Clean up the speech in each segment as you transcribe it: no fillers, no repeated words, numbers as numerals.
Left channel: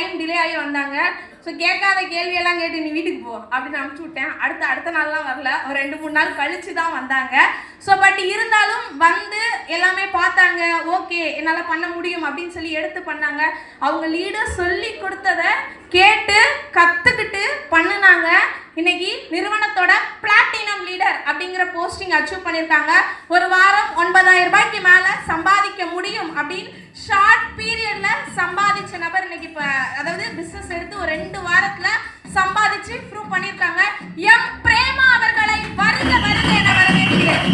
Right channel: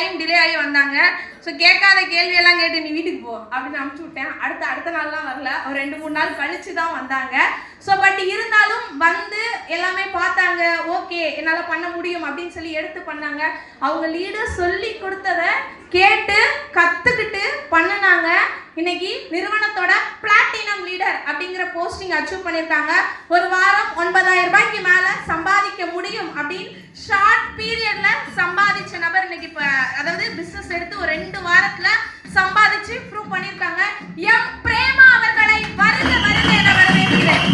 Time delay ஆகி வந்தாங்க. So கேட்காத கேள்வியெல்லாம் கேட்டு நீ வீட்டுக்கு போ அப்படின்னு அனுப்பிச்சு விட்டேன். அடுத்த நாள்லாம் வரல, ஒரு 2-3 நாள் கழிச்சு தான் வந்தாங்க. ஸோ பட் இருந்தாலும் வந்து எல்லாமே பார்த்தாங்க, ஓகே என்னால் பண்ண முடியும் அப்படின்னு சொல்லி எடுத்து பண்ணாங்க. அவங்க லீடர் சொல்லி கொடுத்ததை கேட்டு கற்றுக்கிட்டு பண்ணினாங்க. இன்னைக்கு நிறுவனத்தோட பிளாட்டினம் லீடர் அப்படிங்கிற போஸ்டிங் அச்சீவ் பண்ணியிருக்காங்க. ஒரு வாரம் 9,000 ரூபாய்க்கு மேலே சம்பாதிக்க முடியும் அப்படின்னு ஷார்ட் பீரியட்ல சம்பாதிச்ச நபர் இன்னைக்கு அதாவது பிசினஸ் எடுத்து ஒரு 2 வாரத்துல சம்பாதிச்சு ப்ரூவ் பண்ணியிருக்காங்க. எம் பிரேமா அவர்களை வருக வருக என வரவேற்கிறேன்.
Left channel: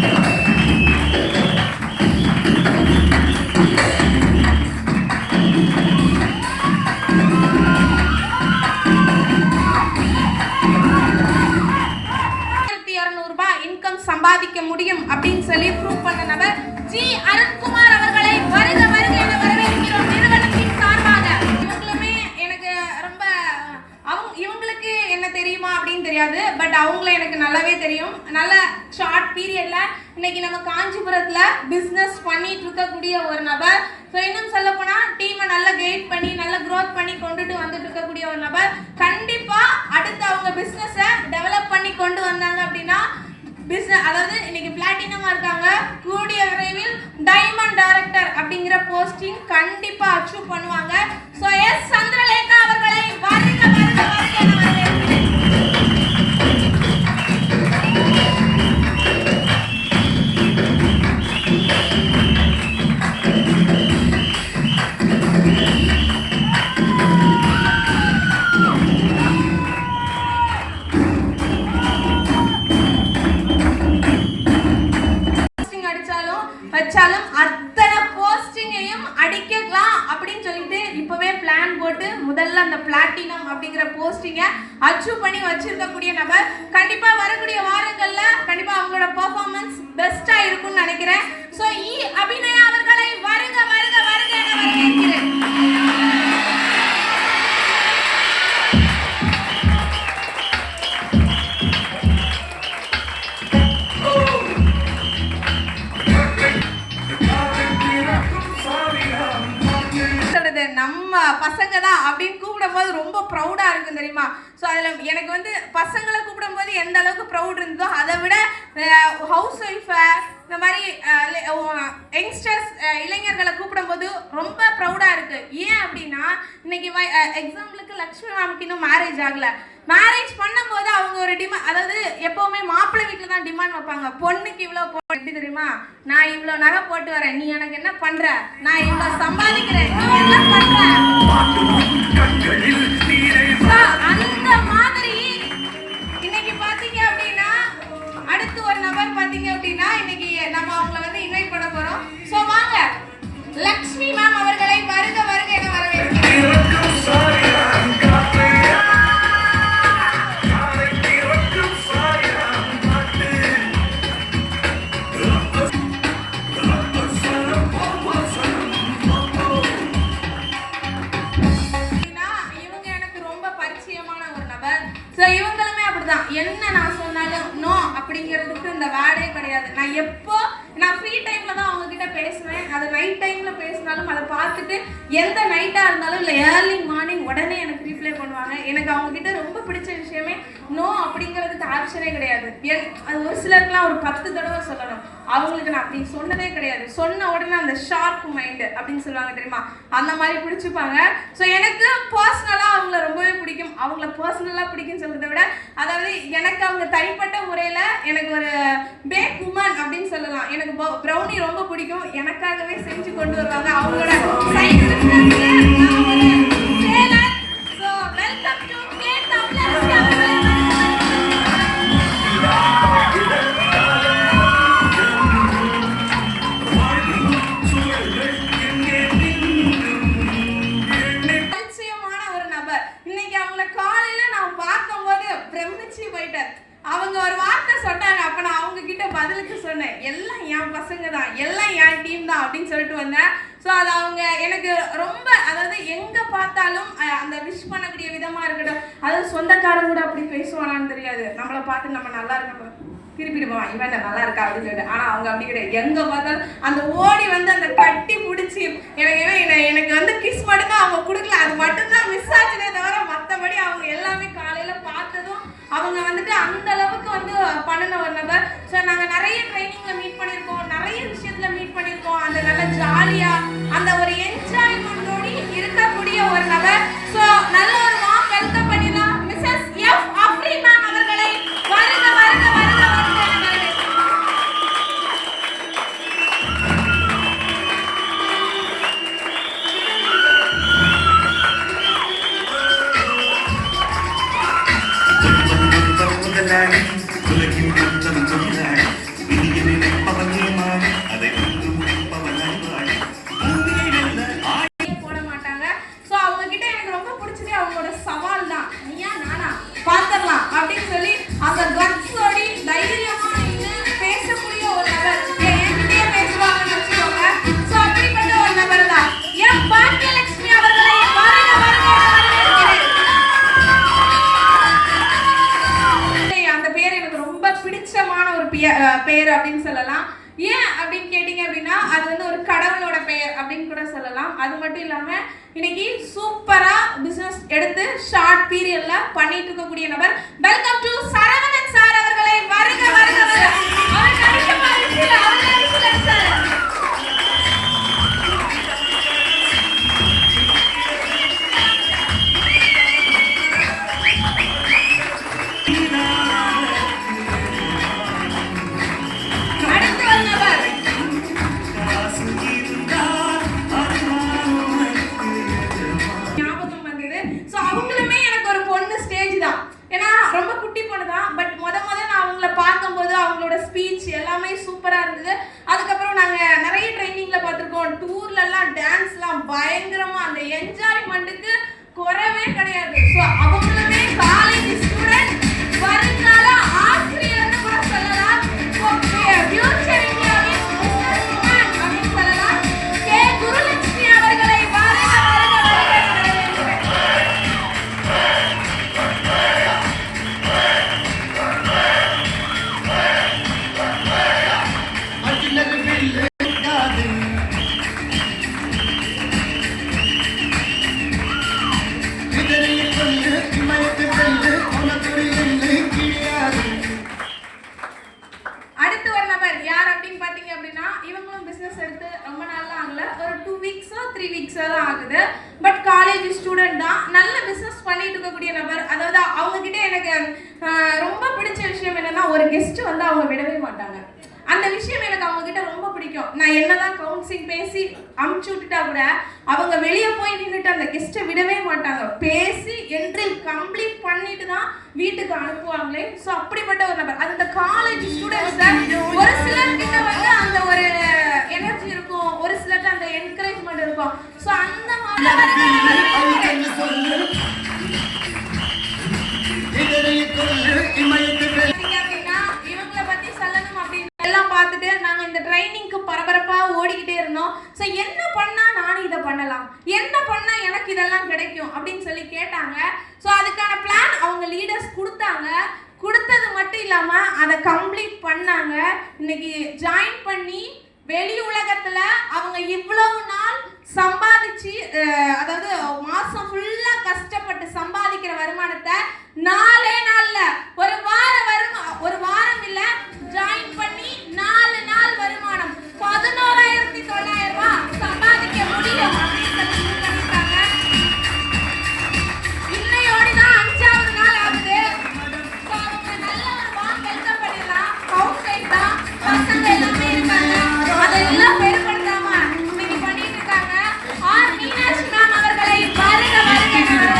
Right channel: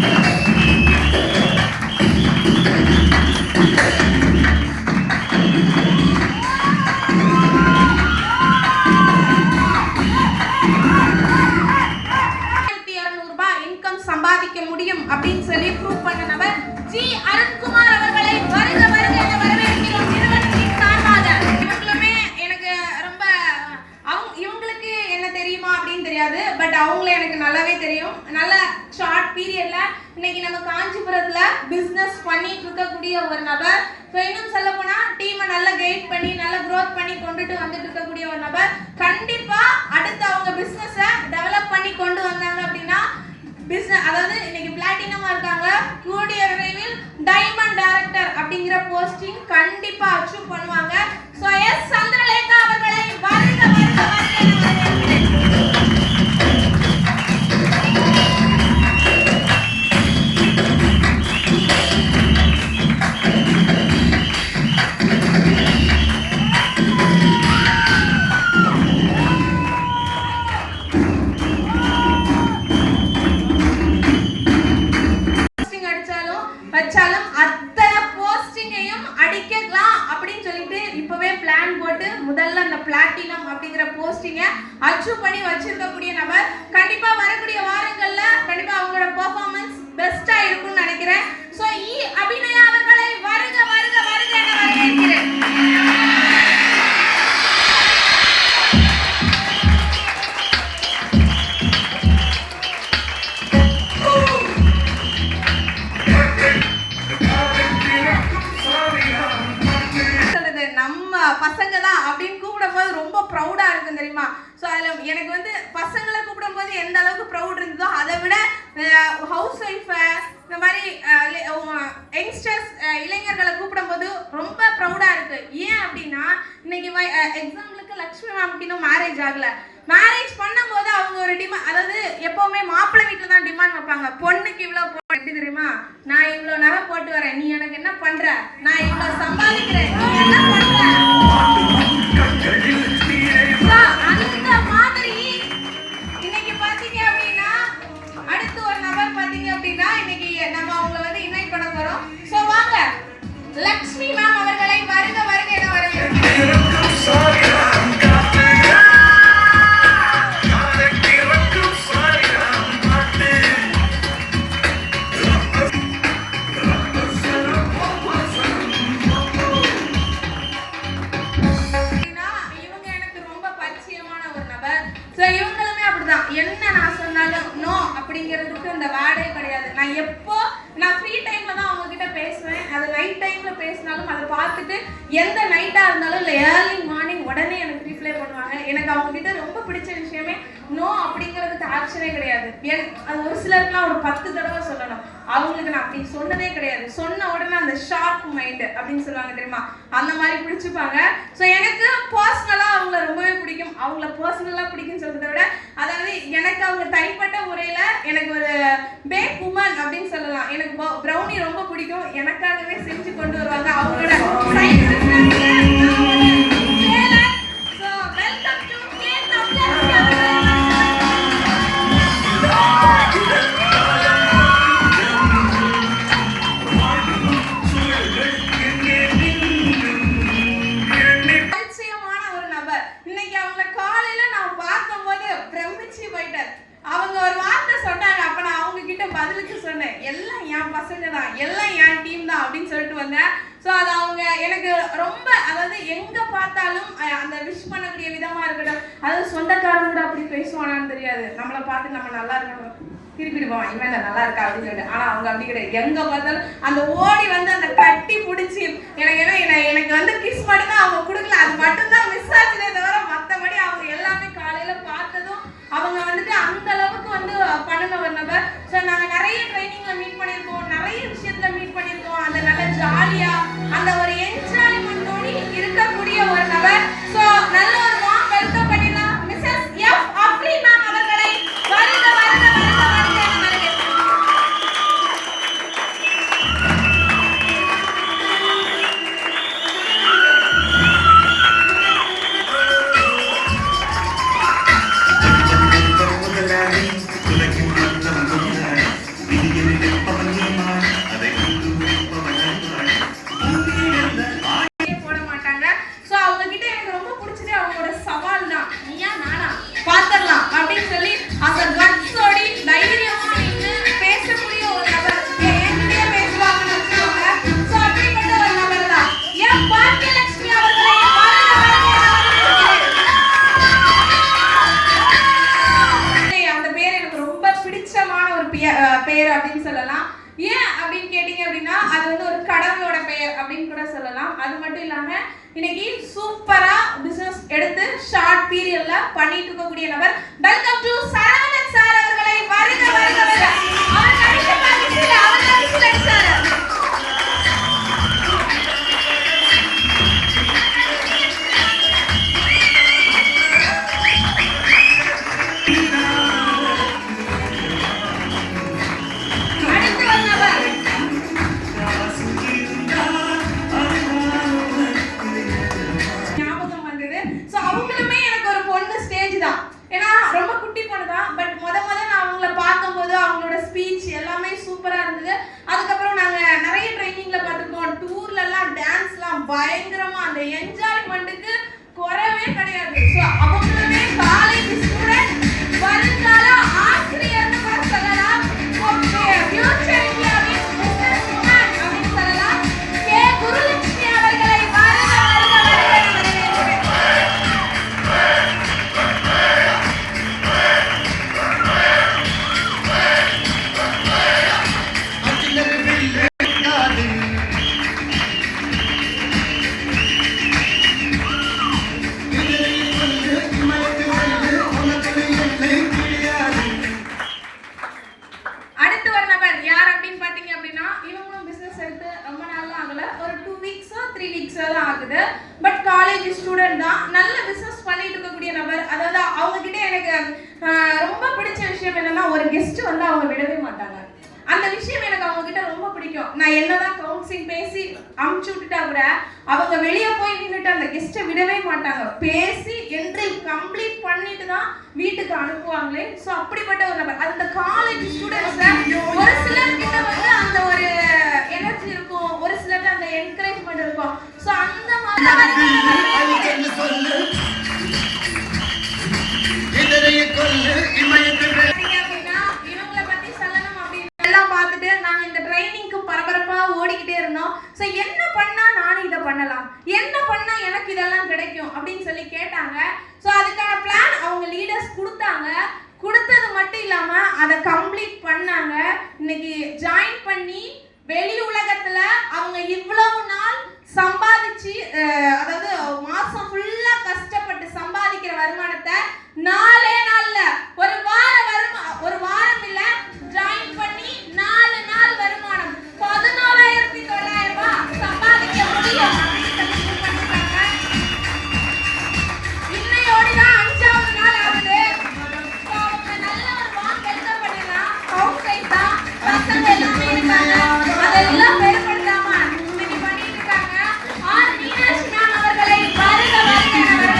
இன்கம் சம்பாதிக்க முடியும் அப்படின்னு சொல்லி ப்ரூவ் பண்ண நபர் ஜி அருண்குமார் அவர்களை வருக வருக என வரவேற்கிறோம் நிறுவனத்தின் சார்பாக. இவங்களுமே எனக்கு ரொம்ப இவங்களுக்கு என்ன தெரியுமா அப்படின்னு தெரியாது, பட் அவங்கள எனக்கு நல்லாவே தெரியும். நல்ல ஷார்ட் பீரியட்ல இன்னைக்கு நம்ம காஞ்சிபுரத்துல பிசினஸ் பண்ணிட்டு இருக்கக்கூடிய ஒரு நபர். ஸோ இன்னும் சொல்ல போனா டீமை நல்லா கைட் பண்ணி நல்லா க்ரோத் பண்ணி கொண்டுட்டு வந்துட்டு இருக்கக்கூடிய ஒரு நபர். கண்டிப்பா அடுத்து அவங்க பிசினஸ டெவலப் பண்ணி கொண்டு வந்தாங்க அப்படின்னா பிசினஸ் அதாவது இன்னைக்கு பிளாட்டினமா இருக்காங்க, கூடிய விரைவில் டைமண்ட் டைரக்டர் அப்படிங்கிற போஸ்டிங் கண்டிப்பா அச்சீவ் பண்ணுவாங்க. சோ எஸ் சந்திரலேகா அவர்களை வருக வருக முதல்ல அந்த பிளாட்டினம் அப்படிங்கிற போஸ்டிங்க அச்சீவ் பண்ணி வச்சிருக்கக்கூடிய நபர். கண்டிப்பா வரக்கூடிய வாரங்கள்ல கண்டிப்பா அவங்களோட பெர்ஃபார்மன்ஸ் பெஸ்டா இருக்கும்னு நினைக்கிறேன். சோ அபிநயா அவர்களை வருக வருக வருக என வரவேற்கிறேன். நம்ம பசங்க தான் அப்படின்னு கூப்பிடும்போது ரொம்ப ப்ரௌடா இருக்கும் தெரியுமா. ஸோ அதில் எனக்கு வந்து பசங்களை கூப்பிடும்போது எந்த அளவுக்கு ப்ரௌட் இருந்ததோ அதை விட ஹவுஸ் ஒய்ஃபை இந்த மாதிரி யங்ஸ்டர்ஸ் இளைஞர்களை கூப்பிடும்போது ரொம்ப ப்ரௌடா இருக்கு. ஏன் அப்படின்னா இன்னைக்கு எக்ஸாம்பிளுக்கு லக்ஷ்மி மேம்க்கு இன்னும் மேரேஜ் ஆகல. மேரேஜ் பண்ணும்போது அவங்க ஒரு டிமாண்ட், அதாவது எப்பவுமே மாப்பிள்ளை வீட்டில் தான் டிமாண்ட் வைப்பாங்க. பொண்ணுக்கு இவ்வளோ எப்படி தெரியுமா, நான் இவ்வளோ நகை போட்டு வரேன், நீ எனக்கு என்ன பண்ற, நான் இவ்வளோ சம்பாதிக்கிறேன், நீ என்ன பண்ற, அந்த மாதிரி. இன்னைக்கு பாத்தீங்க அப்படின்னா அடுத்து ஒரு நபர் பாத்தீங்க அப்படின்னா இன்னைக்கு நம்ம அவங்களை வந்து இன்வைட் பண்ண போறோம். சோ வாங்க லக்ஷ்மி மேம் அவர்களை வருக வருக என வரவேற்கிறேன். என்ன நான் சொன்னாலும் நோ அப்படிங்கிறதுக்கு இந்த வேர்டே கிடையாது. நான் ஃப்ரீ டைம்ல தான் அவங்க கிட்ட பேசுவேன். அது நைட் டைம்ல பேசினாலும் அதை பார்த்துட்டு எந்த நைட்டா இருந்தாலும் இல்லை ஏர்லி மார்னிங் உடனே எனக்கு ரிப்ளை பண்ணுவாங்க. எனக்கு அவங்க கிட்ட ரொம்ப பிடிச்ச விஷயமே நோ அப்படிங்கிறதுக்கு ஆப்ஷனே கிடையாது. அது ஒரு சிலருக்குலாம் ஒரு 10 தடவை சொல்லணும், அவங்களுக்கு நான் அப்படி சொன்னதே கிடையாது. சொன்ன உடனே அந்த ஷார்ப் மைண்ட் அப்படின்னு சொல்லுவாங்க தெரியுமா, அந்த மாதிரி பிடிச்சிப்பாங்க. ஸோ எனக்கு பர்சனலா அவங்கள ரொம்பவே பிடிக்கும். அவங்கள பர்சனலா பிடிக்குன்னு சொல்றதை விட அதாவது எனக்கு அவங்க தனிப்பட்ட முறையில எனக்கு ஒரு பேக் உமன் அப்படின்னு சொல்லலாம். எனக்கு ப்ரௌனி ரொம்ப பிடிக்கும், எனக்காகவே செஞ்சு கொண்டு வருவாங்க. அவங்களோட பதிலுக்கு சொன்னேன், எல்லாம் என் பசங்க தான், எல்லாம் என் டீம் தான் அப்படின்னு சொல்லிட்டு வந்தேன். ஸோ அது அவங்க எனக்கு ரொம்ப, அதாவது எங்க பார்த்தாலும் அந்த விஷ் பண்ணக்கூடிய விதமா இருக்கட்டும், அதாவது சொந்தக்காரங்க கூட அப்படி பேசுவானான்னு தெரியாது. நம்மளை பார்த்து நம்ம நல்லா இருக்கணும் திருப்பிடுவான், இவன் நல்லா இருக்கா அப்படின்னு சொல்லிட்டு. ஆனா அவங்க அப்படி கிடையாது. எங்க பார்த்தாலும் அந்த ஓடி வந்து அந்த கட்டி பிடிச்சி எனக்கு வந்து கிஸ் மட்டும் தான் அவங்க கொடுக்கல, அது மட்டும் தான் மிஸ் ஆச்சுனே தவிர மத்தபடி அவங்க எல்லாமே காலையில பார்த்ததும் அவங்க வந்துட்டு அந்த அளவுக்கு வந்து பண்ணின ஒரு நபர். ஸோ நாங்க நிறைய ட்ரைனிங்ல மீட் பண்ணியிருக்கோம், நிறைய விஷயத்துல மீட் பண்ணியிருக்கோம். அந்த நல்ல ஜாலியா அந்த ஒரு என்ஜாய்மெண்டோடு இருக்கக்கூடிய ஒரு நபர். ஸோ நல்ல ஒரு வார்ம் வெல்கம் பண்ணிடலாம் மிஸ்ஸஸ் எஃப் அஃப்ரீன் மேம் அவர்களை. வருக வருக வருக வருக வருக. போட மாட்டாங்க. சோ அவங்க கிட்ட எனக்கு ரொம்ப பிடிச்சது அவங்களோட சவால் தான். நீயா நானா பாத்துறலாம் அப்படின்னு சொல்லி அந்த கட்ஸோடி தைரியமா நின்னு பேசக்கூடிய ஒரு நபர். என்கிட்டயே பேசுவாங்கன்னு வச்சுக்கோங்க. சோ அப்படிப்பட்ட ஒரு நபர் தான் என் பாக்கியலட்சுமி அவர்களை வருக வருக. அந்த பேர் எனக்கு ரொம்ப பிடிச்சமான ஒரு பெயர் அப்படின்னு சொல்லலாம். ஏன் அப்படின்னு கேட்டீங்க அப்படின்னா அது வந்து ஒரு கடவுளோட பெயர் அப்படின்னு கூட சொல்லலாம். அது மட்டும் இல்லாம இன்னைக்கு சூப்பரா பிசினஸ் எடுத்து ஷார்ட் பீரியட்ல பண்ணிட்டு இருக்கக்கூடிய நபர். வெல்கம் டு சரவணன் சார் அவர்களை. வருக வருக வருக. அவர் கடைசி பரிசுல சார். எல்லாமே சூப்பரா இருந்தது. அதுக்கப்புறம் நாங்க நிறைய ட்ரைனிங்ல பார்த்திருக்கோம். டூர்ல எல்லாம் டான்ஸ்லாம் பயங்கரமா அந்த என்ஜாய்மெண்ட்டுக்கு குறவே கிடையாது. சோ அவங்களுமே காலேஜ் ஸ்டூடண்ட், வருங்கால ஆசிரியர்னு கூட சொல்லலாம். ஓகே, ஃபியூச்சர் இந்தியாவின் பிசினஸ் மேன் அப்படின்னு சொல்லலாம். கே குருலட்சுமி அவர்களை வருக வருக வருக. அடுத்து ஒரு நபர் யார் அப்படின்னு பாத்தீங்க அப்படின்னா இவங்களும் பிசினஸ் எடுத்து ரொம்ப நாள்லாம் ஆகல, ஒரு 2 வீக்ஸோ 3 வீக்ஸோ தான் ஆகுது. பட் காலேஜ் ஸ்டூடெண்ட் தான், நல்ல பிசினஸ் பண்ணிட்டு இருக்கக்கூடிய நபர். அதாவது அவங்க கிட்ட எனக்கு ரொம்ப பிடிச்ச விஷயம் என்னன்னா ஒரு கெஸ்ட் வந்து அவங்க விடவே மாட்டாங்க. அந்த விஷயம் எனக்கு அவங்க கிட்ட ரொம்ப பிடிக்கும். நான் என்னதான் கவுன்சிலிங் பேசி அமுச்சு விட்டுட்டா கூட அவங்க வெளியே போய் நின்றுட்டு அந்த கெஸ்ட்டை விடவே மாட்டாங்க. பேசி என்ட்ரி கம்ப்ளீட் பண்ணிட்டு தான் வீட்டுக்கு அனுப்புவாங்களே. ஸோ அப்படிப்பட்ட ஒரு நபர். அது இந்த காலேஜ் ஸ்டூடெண்ட்ஸ் ஒரு சிலர் கிட்ட வந்து அந்த ஒரு எனர்ஜி இருக்கும், ஒரு சிலருக்கு அந்த என்கரேஜ்மெண்ட் இருக்கும். ஸோ அந்த மாதிரி இவங்களை பத்தி சொல்லணும் அப்படின்னு எல்லாம் பார்த்துட்டு நாங்க இந்த ட்ரைனிங்க்கு பரபரப்பா ஓடிக்கிட்டே இருந்தோம். ஸோ என்ன பண்ணா நானும் இதை பண்ணலாம், என்ன பண்ணா எனக்கு இதெல்லாம் கிடைக்கும் அப்படின்னு சொல்லி கேட்டாங்க. ஸோ அதுக்கான பிளான் அவங்க லீடர்ஸ் கொடுத்தாங்க. கொடுத்தது மட்டும் இல்லாம அதை கம்ப்ளீட் பண்ணாங்க. இன்னைக்கு ஜாயின் பண்ணி வெளி உலகத்துல அவங்க இவ்வளவு நாள் சம்பாதிச்சு, அதாவது மாசம் ஃபுல்லா கஷ்டப்பட்டு சம்பாதிக்கிற வருமானத்தை 4 நாள்ல ஒரு வாரம் இல்ல ஜாயின் பண்ணி 4 நாள் வருமானம் 11,900 ரூபாய் சம்பாதிக்க முடியும். இன்னையோடுதான் 5வது நாள் ஆகுது. நல்ல ஒரு வார்ம் வெல்கம் பண்ணிடலாம். கவுன்சிலிங் தான், பசங்க எல்லாமே இருக்காங்க, அதெல்லாம் பெருமைப்படுத்தாம இன்னைக்கு பண்ணிட்டு இருக்காங்க. ஆர் மீனாட்சி மேம் அவர்களை வருக வருக வரவேற்கிறேன்.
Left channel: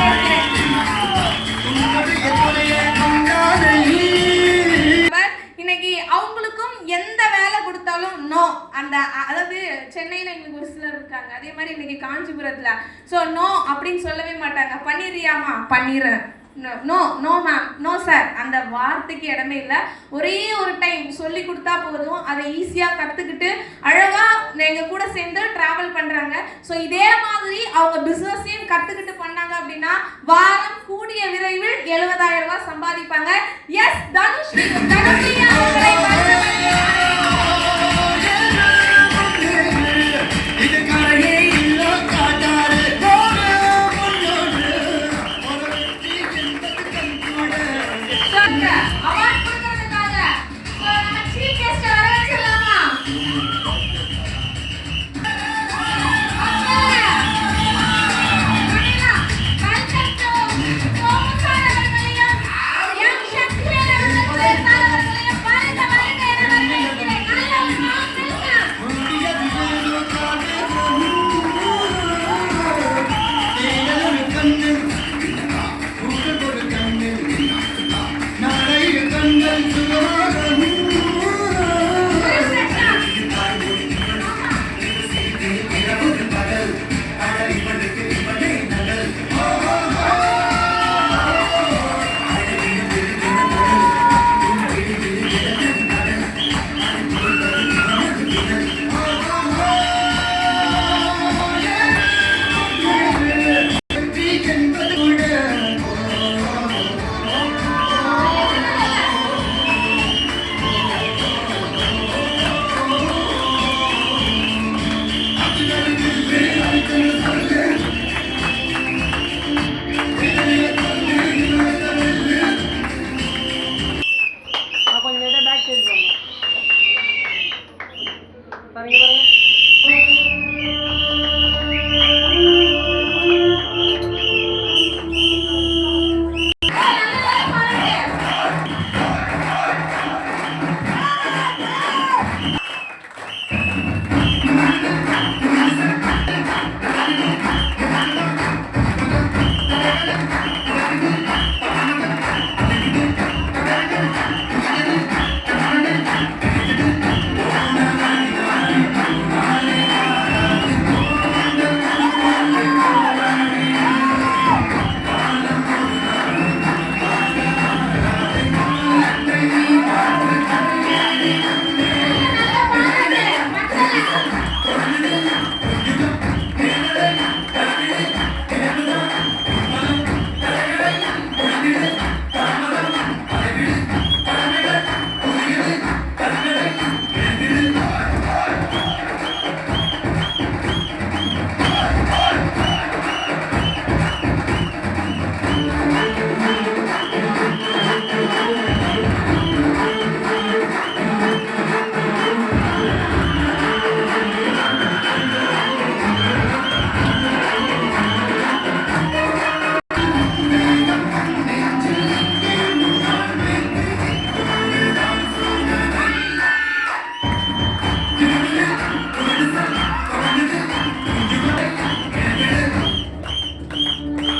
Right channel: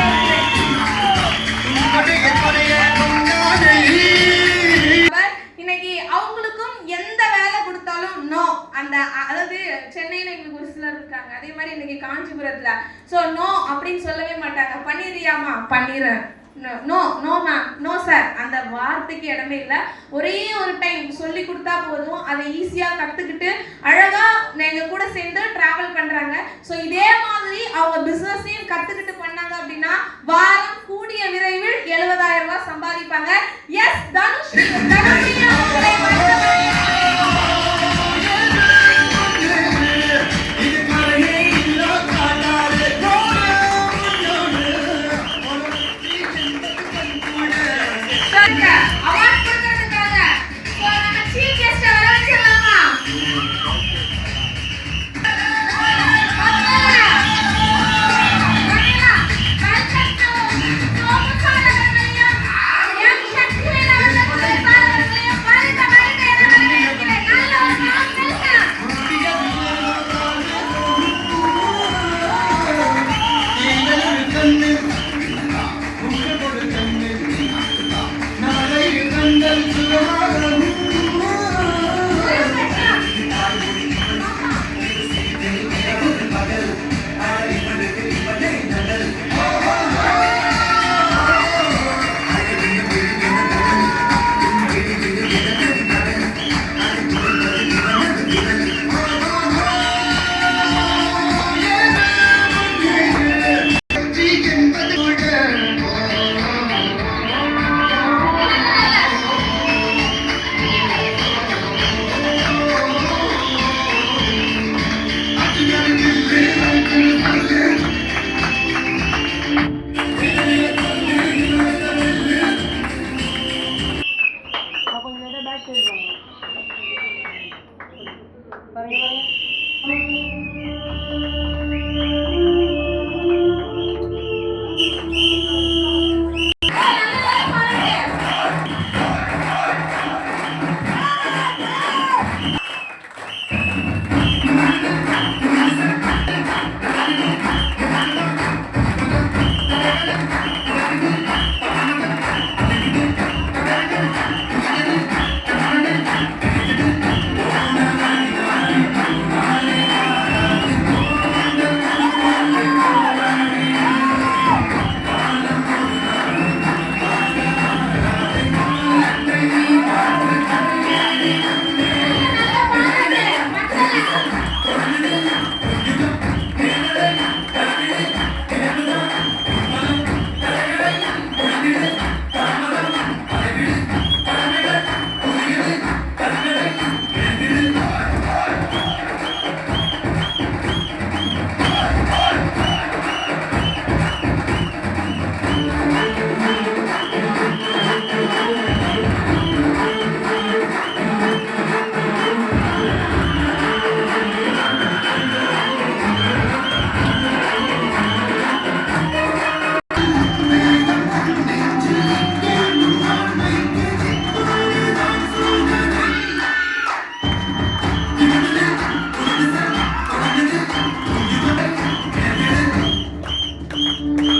இன்னைக்கு அவங்களுக்கும் எந்த வேலை கொடுத்தாலும் நோ, அந்த அதாவது சென்னையில எங்களுக்கு ஒரு சிலர் இருக்காங்க, அதே மாதிரி இன்னைக்கு காஞ்சிபுரத்துல சோ நோ அப்படின்னு சொல்லவே மாட்டாங்க. பண்ணிடுறியாமா, பண்ணிடுறேன். No no ma'am, no sir, அந்த வார்த்தைக்கு இடமே இல்லை. ஒரே ஒரு டைம் சொல்லி கொடுத்தா போதும், அதை ஈஸியா கத்துக்கிட்டு அழகா எங்க கூட சேர்ந்து டிராவல் பண்றாங்க. ஸோ இதே மாதிரி அவங்க பிசினஸையும் கத்துக்கிட்டு பண்ணாங்க அப்படின்னா வாரம் கூடிய விரைவில் 70,000 ரூபாய் சம்பாதிப்பாங்க. எஸ் தனுஸ்ரீ வணக்கம்.